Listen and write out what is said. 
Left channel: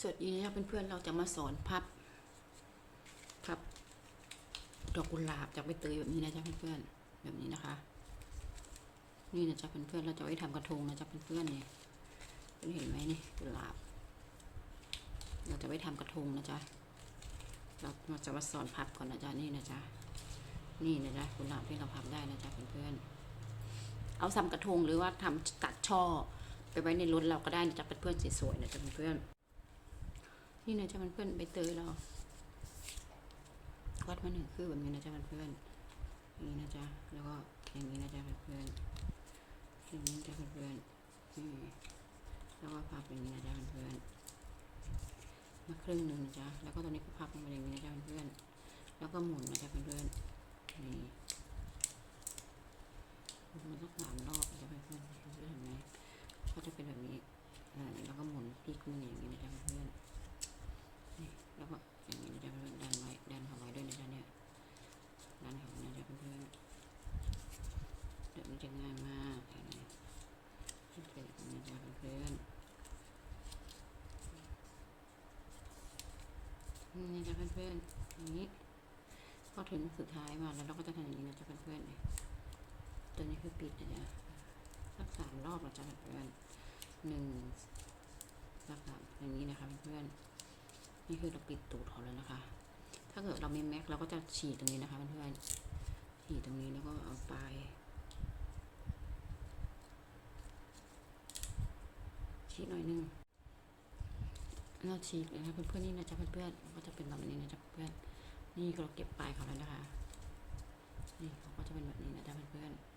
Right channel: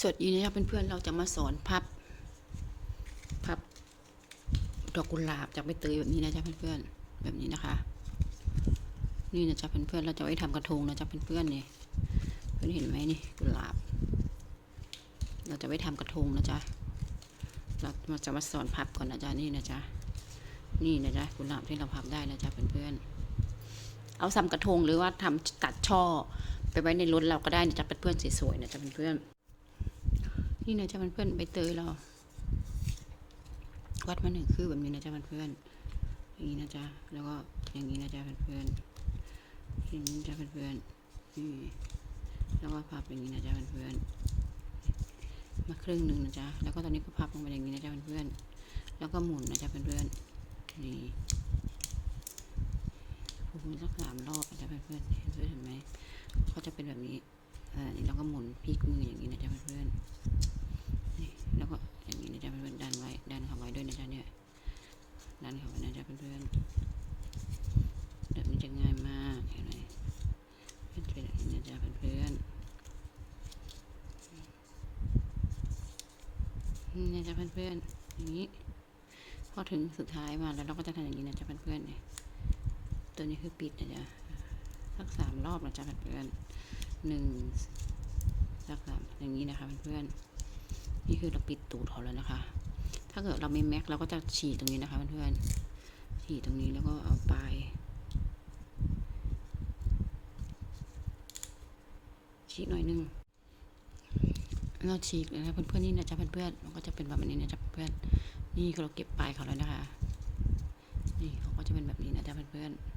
สวัสดีนะครับเพื่อนๆเราจะมาสอนพับพับดอกกุหลาบจากใบเตยแบบนี้นะจ๊ะเพื่อนๆแบบนี้นะคะ นี่นะจ๊ะเพื่อนๆเราจะไว้ทำกระทงนะจ๊ะเพื่อนๆนี่เพื่อนเห็นไหมนี่กุหลาบ เราจะไว้ทำกระทงนะจ๊ะเราเราจะมาสอนพับก่อนนะจ๊ะนี่นะจ๊ะนี่นะจ๊ะกุหลาบที่เราพับได้นะจ๊ะเพื่อนๆเอาทำกระทงหรือว่าทำตัดช่อ ไปไว้ในรถเราก็ได้นะจ๊ะเพื่อนๆสวยๆนะจ๊ะเพื่อนๆ นี่นะจ๊ะมันเพื่อนๆใบเตยเรา วัดมาหนึ่งคือแบบนี้นะจ๊ะมันเพื่อนอย่างนี้นะจ๊ะแล้วก็อย่างนี้นะจ๊ะเพื่อนอย่างนี้นะจ๊ะเพื่อนนี่แล้วก็พับอย่างนี้นะจ๊ะเพื่อนมาครึ่งหนึ่งนะจ๊ะแล้วก็ตอนนี้ก็พับลงมาอย่างนี้นะจ๊ะเพื่อนแล้วก็หมุนนะจ๊ะเพื่อนนี่หมุนสักสามรอบนะจ๊ะเพื่อนเห็นไหมก็จะเป็นแบบนี้อ่านี่แล้วก็หมุนพลิกมืออย่างนี้นะจ๊ะเพื่อน แล้วก็อย่างนี้นะจ๊ะเพื่อนดันไว้ดันเข้าไว้ด้วยนะจ๊ะเนี่ยดันเข้าไว้นะจ๊ะเพื่อนแบบนี้จะง่ายมากเห็นไหมเป็นแบบนี้นะจ๊ะเพื่อนนี่นะจ๊ะเพื่อนๆอย่างนี้พอถึงสุดท้ายมาแล้วเราก็จะทำอย่างนี้นะจ๊ะเพื่อนๆเนี่ยตัวนี้คือปิดนะจ๊ะสักสามรอบนะจ๊ะเพื่อนๆหนึ่ง สักสามอย่างนี้นะคะเพื่อนๆนี่คือเราปิดตูดเขาแล้วนะคะ ถ้าเกิดเราไม่แม็กเราก็จะฉีดตรงนี้นะคะเพื่อนๆฉีดตรงนี้แล้วก็เอาปลายฉีดหน่อยนึงเราฉีกนะคะเพื่อนๆนี่นะจ๊ะเพื่อนๆมันก็จะเป็นแบบนี้นะจ๊ะเพื่อนนี่เราเก็บปลายเขาแล้วนะคะ นี่เขาก็จะเป็นแบบนี้นะจ๊ะเพื่อนๆ